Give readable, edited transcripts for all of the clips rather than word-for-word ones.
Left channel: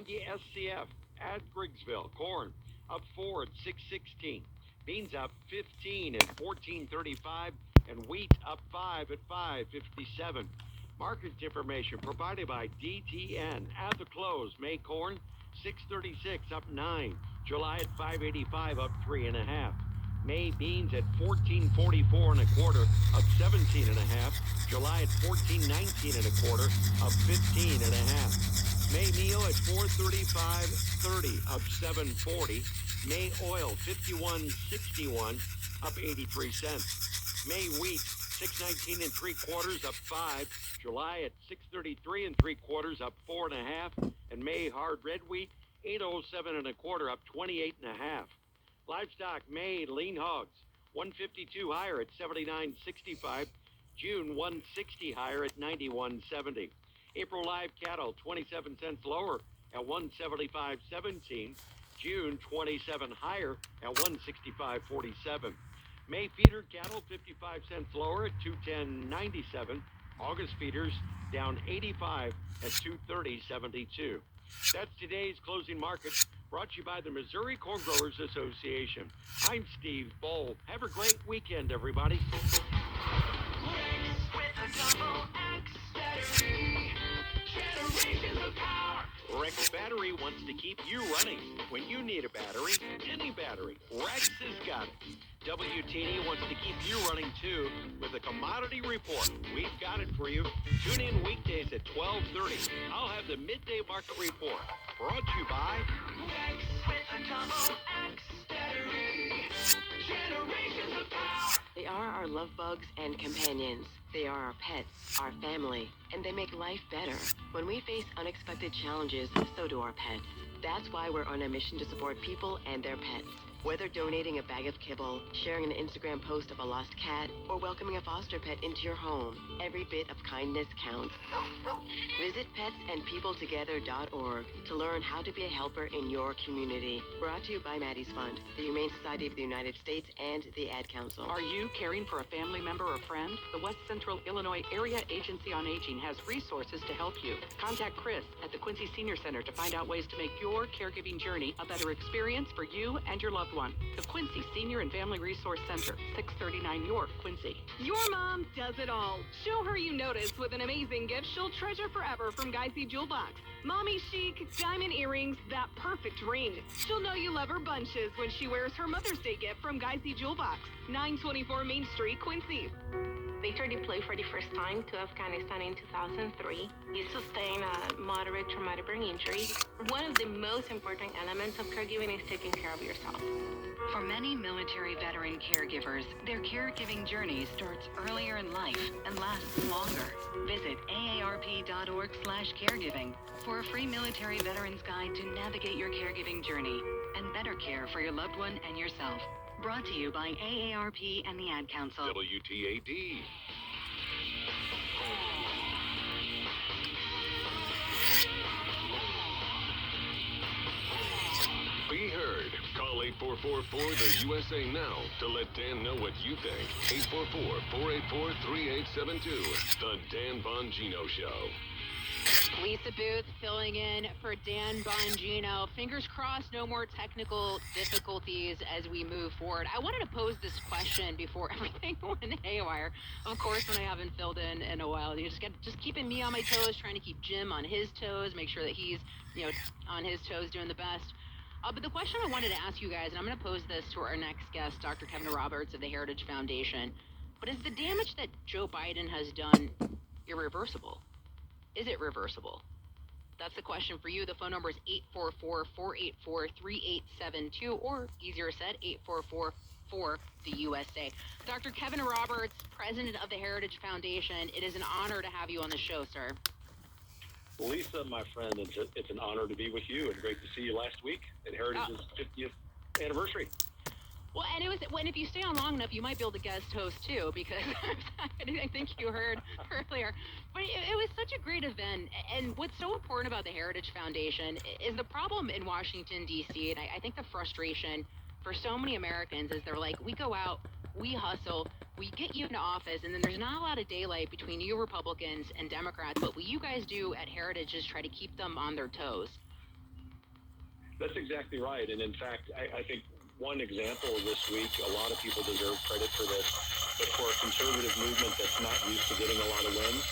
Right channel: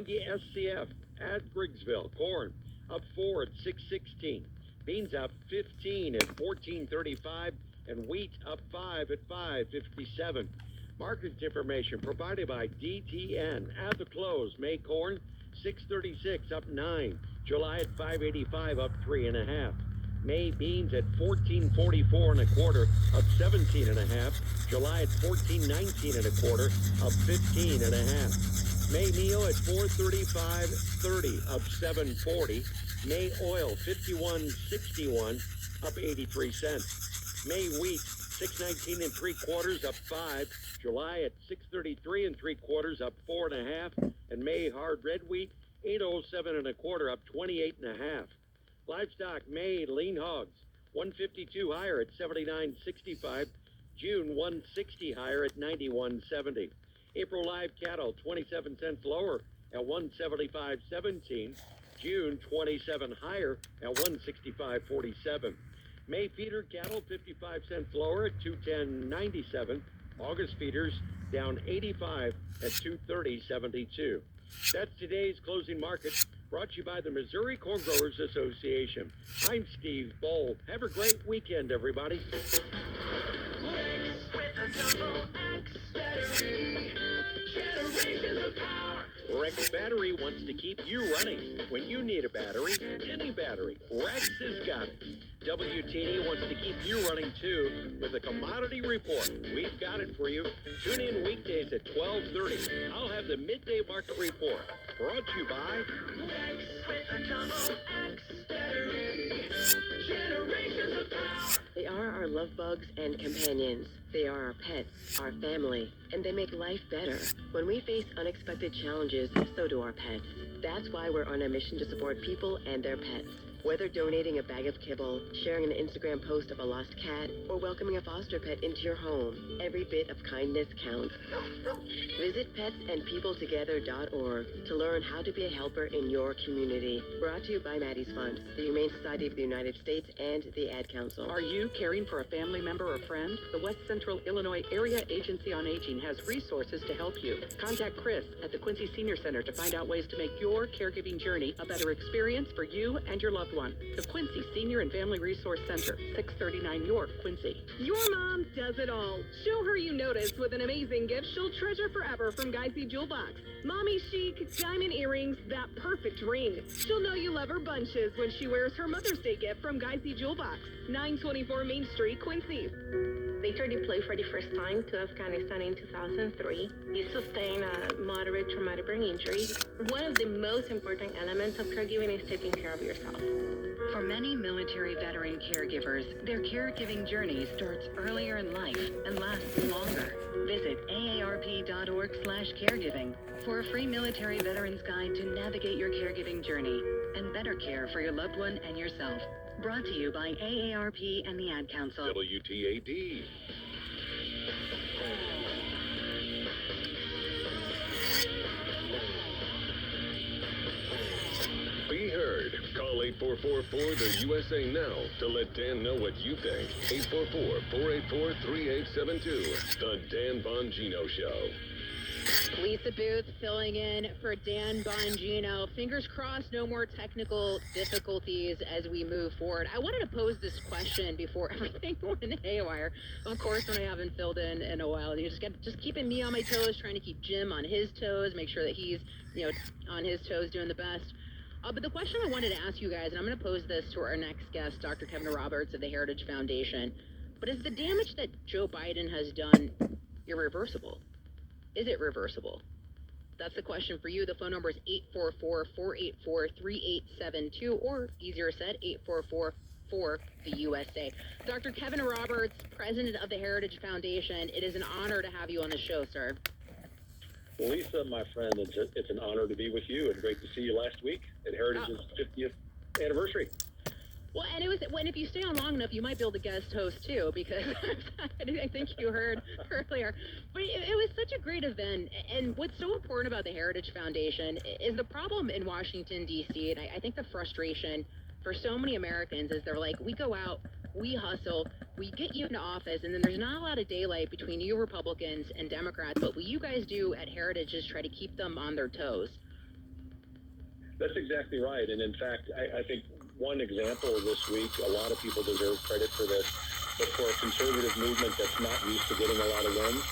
Bungie SCF at Griggsville. Corn up 4 at 6.16. Beans up 15 at 14.35. And wheat up 5 at 5.57. Market information provided by DTN. At the close, May corn 6.36 up 9. July at 5.85 up 3.5. May beans at 14.44 and a quarter up 17 and a half. July at 14.19 and a quarter up 15 and a half. May meal at 4.35.30 up 7.40. May oil 51.61 up 83 cents. May wheat 6.19 and 3/4 up 5. July at 6.33 and 3/4 up 4.5. And May hard red wheat 8.07 and a quarter up 28 and a half. Livestock May lean hogs 152 higher at 79.65. June 160 higher at 91.70. April live cattle 27 cents lower at 175.17. June 27 higher at 165.47. May feeder cattle 55 cents lower at 210.97. August feeders down 85 at 230.72. That's today's closing market, brought to you by the Missouri Corn Growers Association. I'm Steve Bowl. Have a great weekend, everybody. Rex Battery wants to keep you running. When you need a battery, any battery, Rex has got it. WTD wants to keep you running too with a commodity report. We've got it for you. Tune in weekdays at 12:30. I'll have the midday market report. Brought to you by Rex with a double X battery. Generations of power. They are our love bugs and companions. They are our pets, our family, and they make life better. When we face unexpected challenges, so do our pets. That's why we're on a mission to support people and their pets. Whether donating a bag of kibble, sharing an Instagram post of a lost cat, or welcoming a foster pet into your home, every bit of kindness counts. Visit petsandpeopletogether.org to learn how to be a helper in your community. Brought to you by Maddie's Fund, the Humane Society of the United States, and the Ad Council. Are you caring for a family member or friend? The West Central Illinois Area Agency on Aging has resources to help you. Contact Chris at the Quincy Senior Center to find out ways to make your caregiving journey a better experience for you and your loved one. The Quincy Senior and Family Resource Center, 639 York, Quincy. Your mom does it all. Show her you noticed with an amazing gift she'll treasure forever from Geisy Jewel Box. Mommy chic, diamond earrings, that perfect ring. She'll know you love her bunches when she wears her Mother's Day gift from Geisy Jewel Box, 924 Main Street, Quincy. Victor deployed for the first time to Afghanistan in 2003. He sustained a moderate traumatic brain injury. One of the most important elements of caregiving is taking care of yourself. For many military veteran caregivers, their caregiving journey starts earlier in life and lasts longer. Visit aarp.org/caregiving for a free military veterans guide to navigate your caregiving journey and better care for your loved one and yourself. Brought to you by AARP and the Ad Council. WTAD. Be heard. Call 8444 the USA now to let Dan know what you think. 844-484-3872. The Dan Bongino Show. Lisa Booth filling in for Dan Bongino. Fingers crossed, no more technical difficulties as we move forward. I wanted to pose this question before everything went haywire. Of course, when I haven't filled in a while, you just keeping me on my toes, trying to keep Jim on his toes, make sure that he's on his toes, doing the best. But the question I wanted to ask you guys, and I'm going to pose this to our next guest, Dr. Kevin Roberts of the Heritage Foundation, but is the damage that Joe Biden has done irreversible? Is it reversible? That's the question for you. The phone number is 844-484-3872, or easier said, 844-4-the-USA. Dr. Kevin Roberts, president of the Heritage Foundation, it is an honor to have you on the show, sir. Well, Lisa, my friend, it's an honor to be with you, and great to see you last week at Heritage's 50th anniversary. Well, and if you stay on long enough, you might be able to guest host too, because I think you heard earlier. But it was such a great event, and what's so important about the Heritage Foundation is the problem in Washington, D.C., and I think the frustration for so many Americans is they're like, we go out, we hustle, we get you into office, and then there's not a lot of daylight between you Republicans and Democrats, but what you guys do at Heritage is try to keep them on their toes. That's exactly right. And in fact, I think one example this week, a lot of people deserve credit for this, but for a conservative movement that's not used to getting a lot of wins,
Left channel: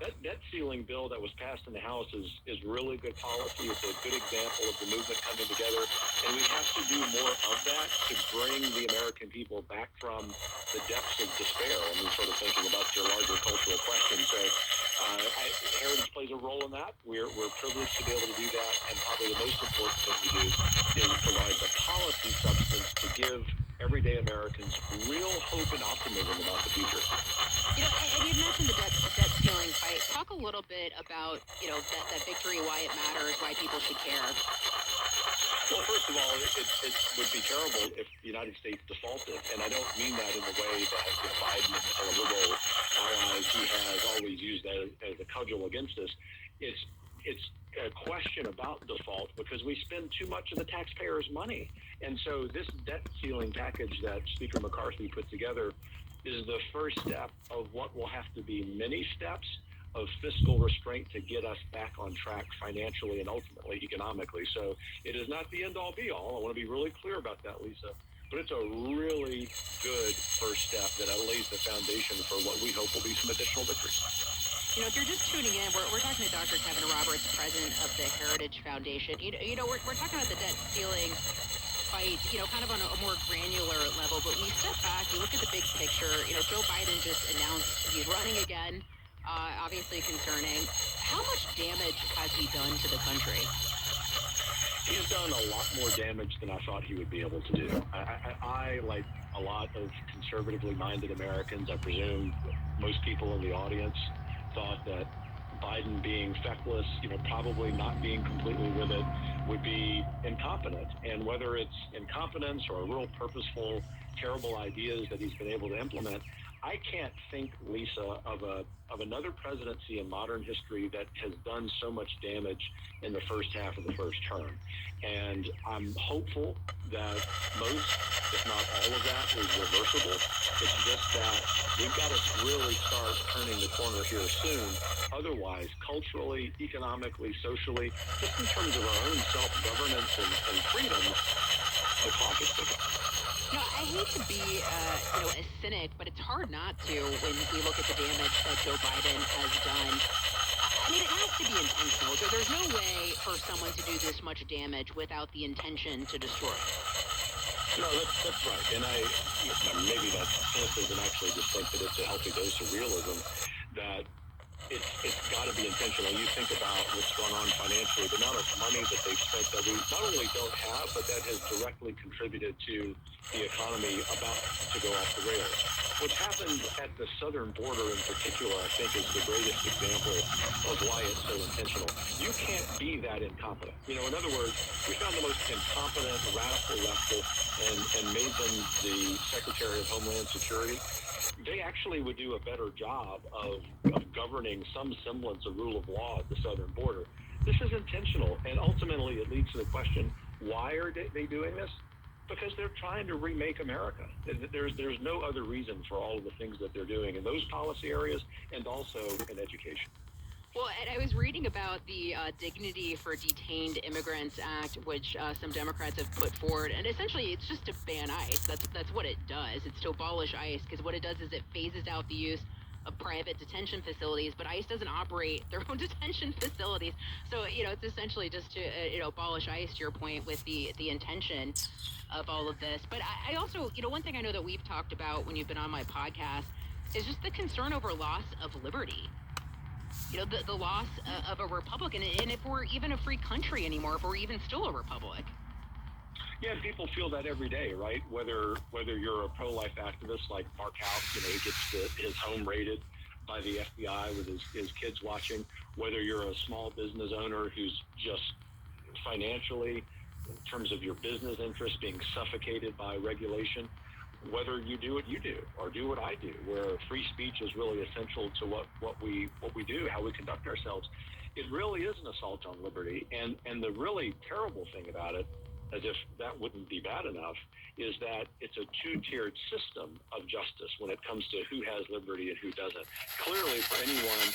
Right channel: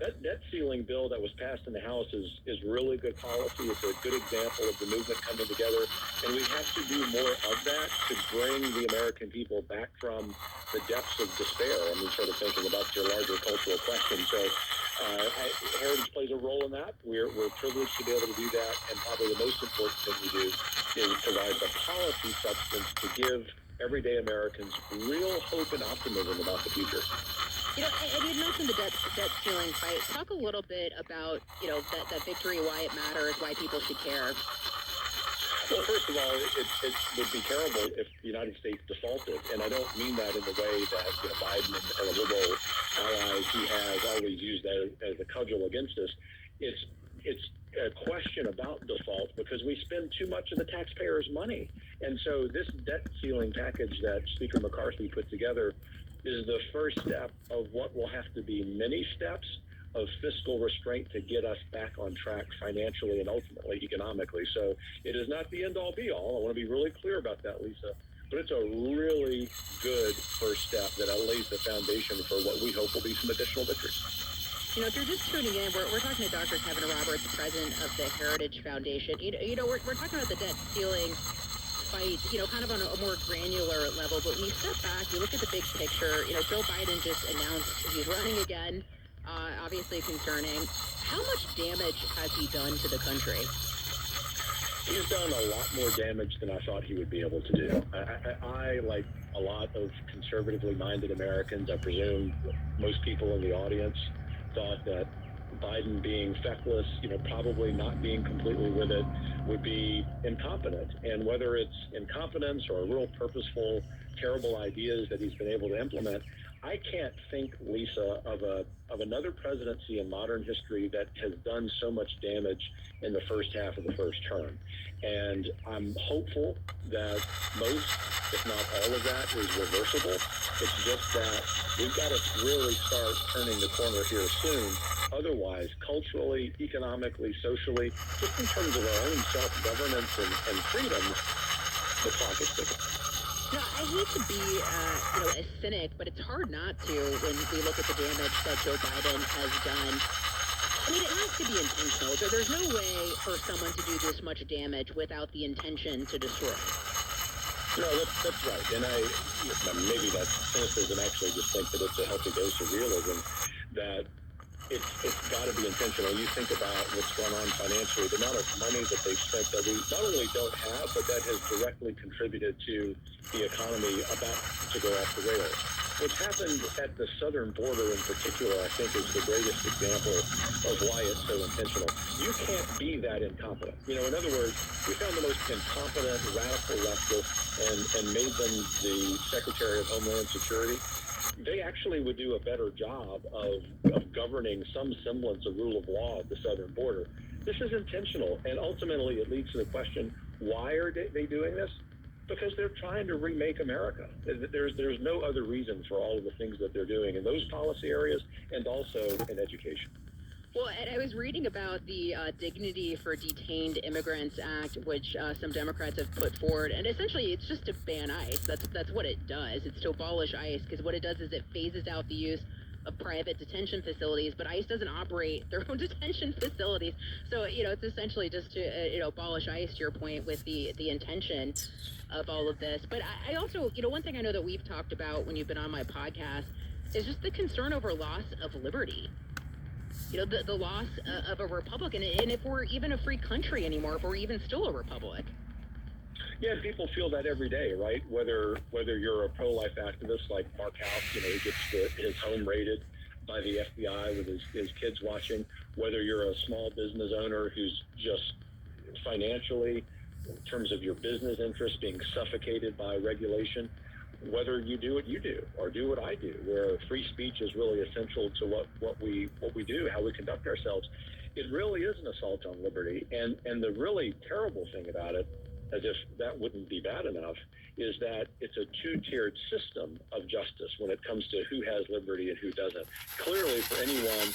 that debt ceiling bill that was passed in the House is really good policy. It's a good example of the movement coming together, and we have to do more of that to bring the American people back from the depths of despair. I mean, sort of thinking about your larger cultural question. So Heritage plays a role in that. We're privileged to be able to do that, and probably the most important thing we do is provide the policy substance to give everyday Americans real hope and optimism about the future. You know, and you'd mentioned the debt ceiling fight. Talk a little bit about, you know, that victory, why it matters, why people should care. Well, first of all, it would be terrible if the United States defaulted, and I don't mean that in the way that Biden and the liberal allies he has always used as a cudgel against us. It's a question about default because we spend too much of the taxpayers' money, and so this debt ceiling package that Speaker McCarthy put together is the first step of what will have to be many steps of fiscal restraint to get us back on track financially and ultimately economically. So it is not the end-all be-all. I want to be really clear about that, Lisa. But it's a really good first step that lays the foundation for what we hope will be some additional victories. You know, if you're just tuning in, we're talking to Dr. Kevin Roberts, president of the Heritage Foundation. You know, we're talking about the debt ceiling fight, you know, kind of on a more granular level. But when you step back, you look at the big picture. You know, Joe Biden just announced he's running again. Obviously concerning. How much damage has he done to the country? He's done a lot more damage than I thought he would be able to do. I like a lot of conservatively minded Americans, I presume most people in the audience, thought that Biden being feckless, you know, probably not being completely with it, would be incompetent. And whether it's incompetence or real purposeful, terrible ideas that he's been able to implement, I can't think, Lisa, of another presidency in modern history that has done so much damage in the first half of the first term. And I'm hopeful that most, if not all of that, is reversible. It's just that we've got to really start turning the corner here soon. Otherwise, culturally, economically, socially, just in terms of our own self-governance and freedoms, the clock is ticking. No, I hate to be, a cynic, but it's hard not to when we look at the damage that Joe Biden has done. I mean, it has to be intentional. There's no way for someone to do this much damage without the intention to destroy. No, that's right. And maybe that's cynicism. Actually, just think that it's a healthy dose of realism. That it's got to be intentional. You think about what's going on financially, the amount of money that they've spent that we not only don't have, but that has directly contributed to the economy about to go off the rails. What's happened at the southern border in particular, I think, is the greatest example of why it's so intentional. You can't be that incompetent. You know, in other words, we found the most incompetent radical leftist and made them the Secretary of Homeland Security. They actually would do a better job of governing some semblance of rule of law at the southern border. This is intentional, and ultimately it leads to the question, why are they doing this? Because they're trying to remake America. There's no other reason for all of the things that they're doing in those policy areas and also in education. Well, and I was reading about the Dignity for Detained Immigrants Act, which some Democrats have put forward, and essentially it's just to ban ICE. That's what it does. It's to abolish ICE, because what it does is it phases out the use of private detention facilities, but ICE doesn't operate their own detention facilities. So, you know, it's essentially just to, abolish ICE, to your point, with the intention of all of this. But I also, one thing I know that we've talked about when you've been on my podcast is just the concern over loss of liberty. The loss of a republic, and if we're even a free country anymore, if we're even still a republic. Yeah, people feel that every day, right? Whether you're a pro-life activist like Mark House, he gets his home raided by the FBI with his kids watching, whether you're a small business owner who's just financially, in terms of your business interests, being suffocated by regulation, whether you do what you do or do what I do, where free speech is really essential to what we do, how we conduct ourselves. It really is an assault on liberty. And the really terrible thing about it, as if that wouldn't be bad enough, is that it's a two-tiered system of justice when it comes to who has liberty and who doesn't. Clearly, for anyone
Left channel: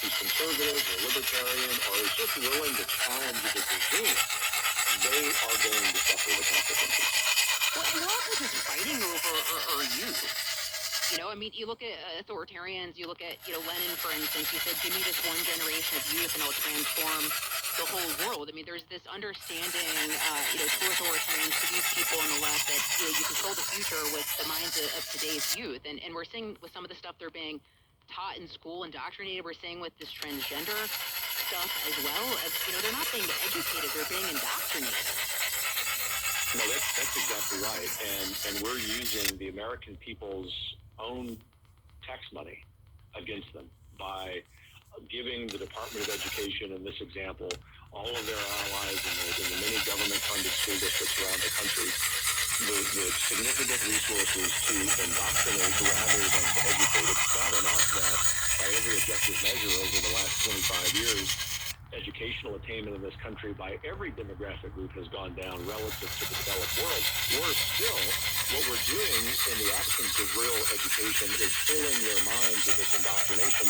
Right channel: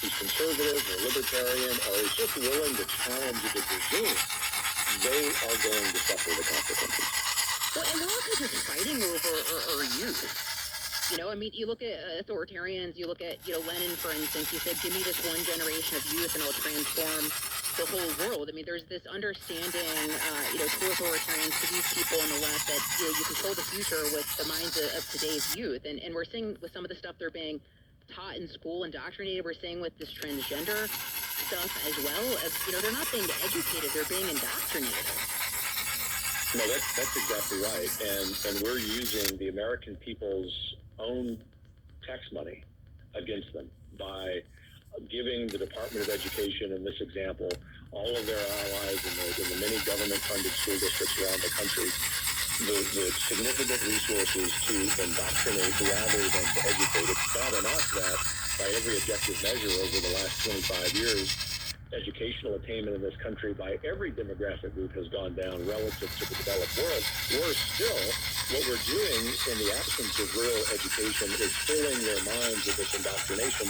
who's conservative or libertarian or is just willing to challenge the regime, they are going to suffer the consequences. Well, and we're also just fighting over our youth. You know, I mean, you look at authoritarians, you look at, Lenin, for instance, he said, give me this one generation of youth and it'll transform the whole world. I mean, there's this understanding, to authoritarians, to these people on the left that, you control the future with the minds of today's youth. And we're seeing with some of the stuff they're being taught in school, indoctrinated, we're seeing with this transgender stuff as well. They're not being educated, they're being indoctrinated. No, that's exactly right. And we're using the American people's own tax money against them by giving the Department of Education, in this example, all of their allies in the many government-funded school districts around the country, the significant resources to indoctrinate rather than to educate. It's bad enough that by every objective measure over the last 25 years, educational attainment in this country by every demographic group has gone down relative to the developed world. Worse still, what we're doing in the absence of real education is filling their minds with this indoctrination.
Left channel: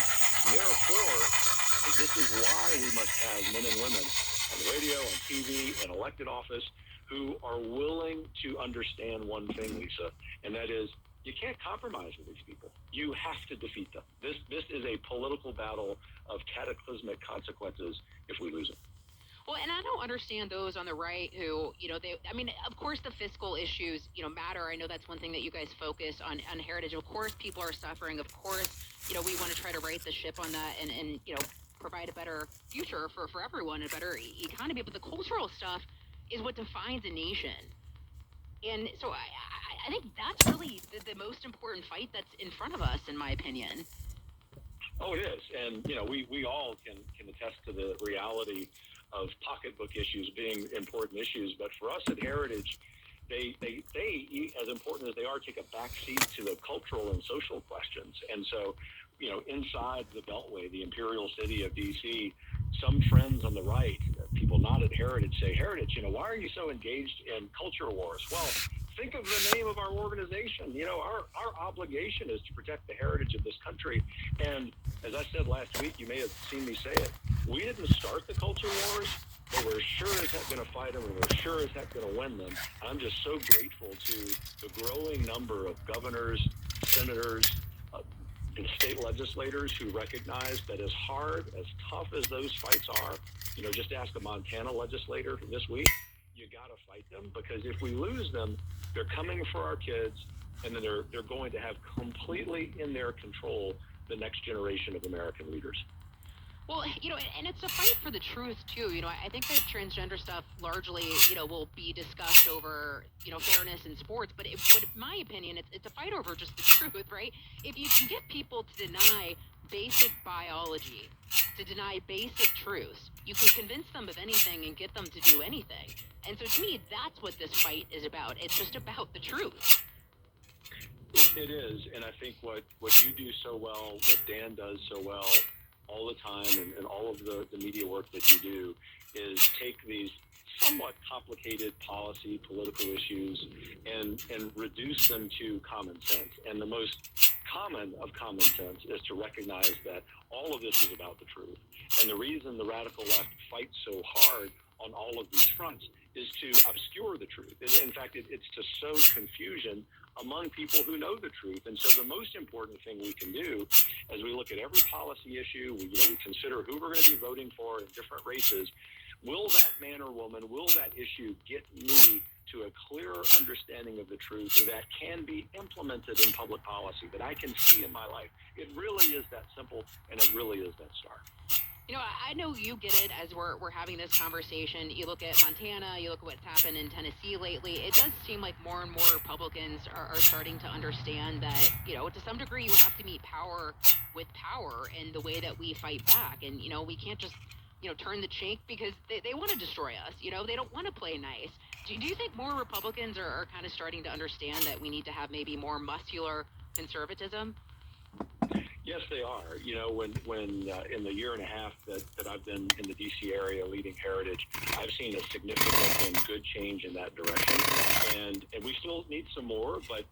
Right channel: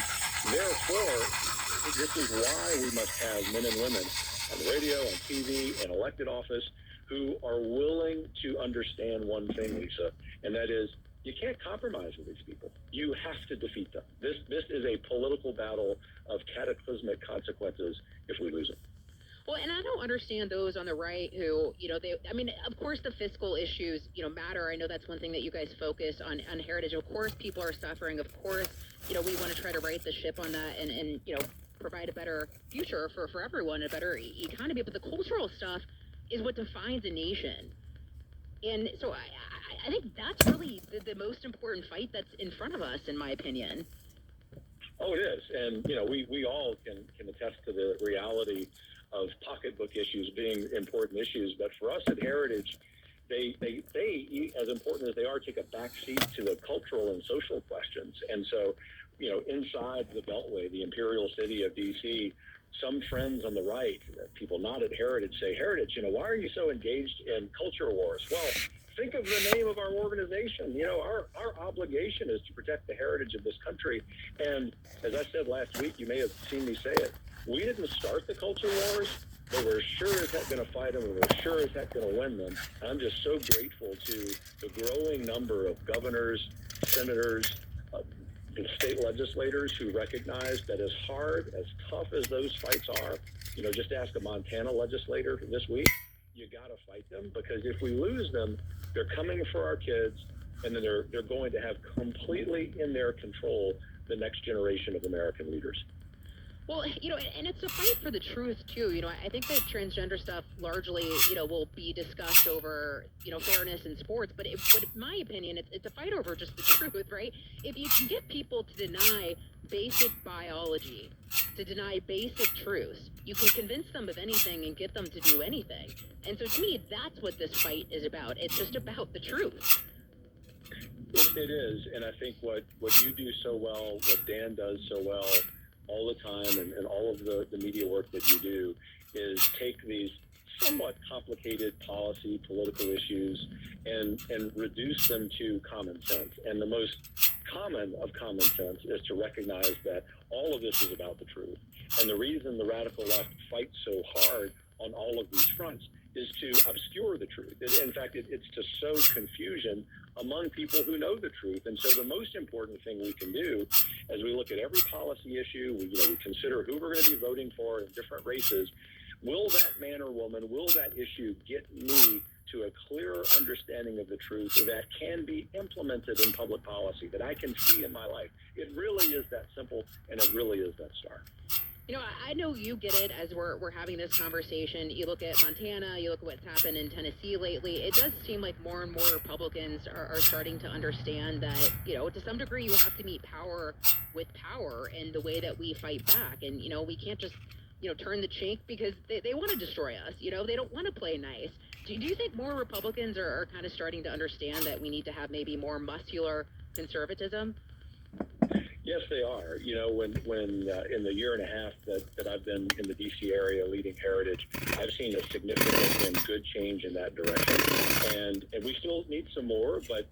Therefore, this is why we must have men and women on the radio, on TV, and elected office who are willing to understand one thing, Lisa, and that is you can't compromise with these people. You have to defeat them. This is a political battle of cataclysmic consequences if we lose it. Well, and I don't understand those on the right who, of course the fiscal issues, matter. I know that's one thing that you guys focus on heritage. Of course, people are suffering. Of course, we want to try to right the ship on that and provide a better future for everyone, a better economy. But the cultural stuff is what defines a nation. And so I think that's really the most important fight that's in front of us, in my opinion. Oh, it is. And, we all can attest to the reality of pocketbook issues being important issues. But for us at Heritage, they as important as they are, take a back seat to the cultural and social questions. And so, inside the Beltway, the imperial city of D.C., some friends on the right, people not at Heritage, say, Heritage, why are you so engaged in culture wars? Well, think of the name of our organization. Our obligation is to protect the heritage of this country. And as I said last week, you may have seen me say it, we didn't start the culture wars, but we're sure as heck going to fight them, and we're sure as heck going to win them. I'm just so grateful to the growing number of governors, senators, and state legislators who recognize that as hard, as tough as those fights are, just ask a Montana legislator this week, you got to fight them, because if we lose them, they're coming for our kids, and then they're going to have completely in their control the next generation of American leaders. Well, and it's a fight for the truth, too. I think that transgender stuff largely, will be discussed over, fairness in sports. But in my opinion, it's a fight over just the truth, right? If you can get people to deny basic biology, to deny basic truths, you can convince them of anything and get them to do anything. And so to me, that's what this fight is about. It's just about the truth. It is. And I think what you do so well, what Dan does so well all the time, and all of the media work that you do, is take these somewhat complicated policy, political issues and reduce them to common sense. And the most common of common sense is to recognize that all of this is about the truth. And the reason the radical left fights so hard on all of these fronts is to obscure the truth. In fact, it's to sow confusion among people who know the truth. And so the most important thing we can do as we look at every policy issue, we consider who we're going to be voting for in different races, will that man or woman, will that issue get me to a clearer understanding of the truth that can be implemented in public policy, that I can see in my life? It really is that simple, and it really is that stark. I know you get it as we're having this conversation. You look at Montana, you look at what's happened in Tennessee lately. It does seem like more and more Republicans are starting to understand that, to some degree, you have to meet power with power in the way that we fight back. And, we can't just, turn the cheek because they want to destroy us. They don't want to play nice. Do you think more Republicans are kind of starting to understand that we need to have maybe more muscular conservatism? Yes, they are. When in the year and a half that I've been in the D.C. area leading Heritage, I've seen a significant and good change in that direction. And we still need some more, but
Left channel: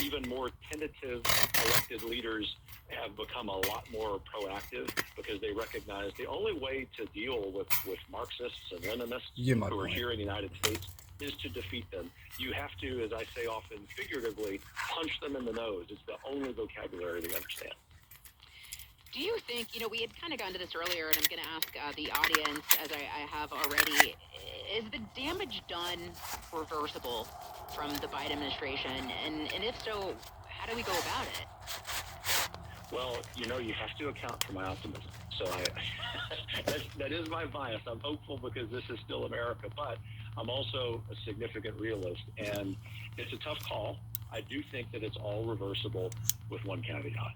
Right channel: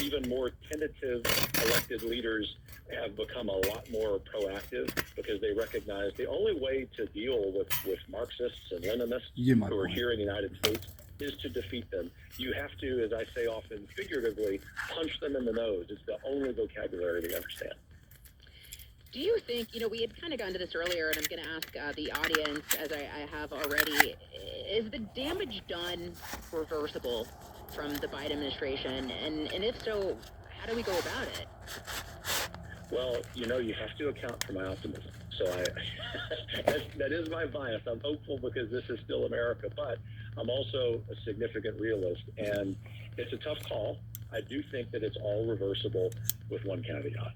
even more tentative elected leaders have become a lot more proactive because they recognize the only way to deal with Marxists and Leninists who are here in the United States is to defeat them. You have to, as I say often figuratively, punch them in the nose. It's the only vocabulary they understand. Do you think, we had kind of gone to this earlier, and I'm going to ask the audience, as I have already, is the damage done reversible from the Biden administration? And if so, how do we go about it? Well, you have to account for my optimism. So that is my bias. I'm hopeful because this is still America, but I'm also a significant realist, and it's a tough call. I do think that it's all reversible with one caveat.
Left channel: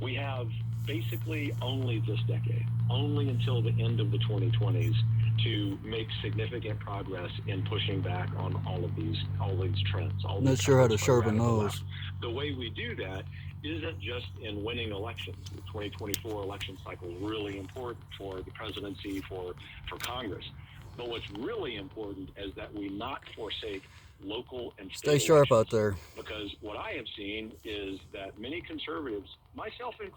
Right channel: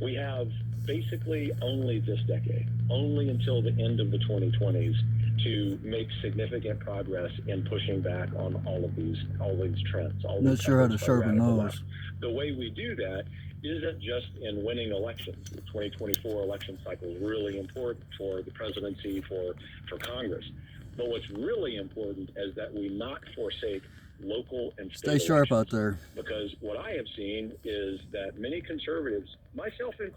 We have basically only this decade, only until the end of the 2020s, to make significant progress in pushing back on all these trends. Not sure how to sharpen those. The way we do that isn't just in winning elections. The 2024 election cycle is really important for the presidency, for Congress. But what's really important is that we not forsake local and state Stay sharp elections. out there. Because what I have seen is that many conservatives, myself included,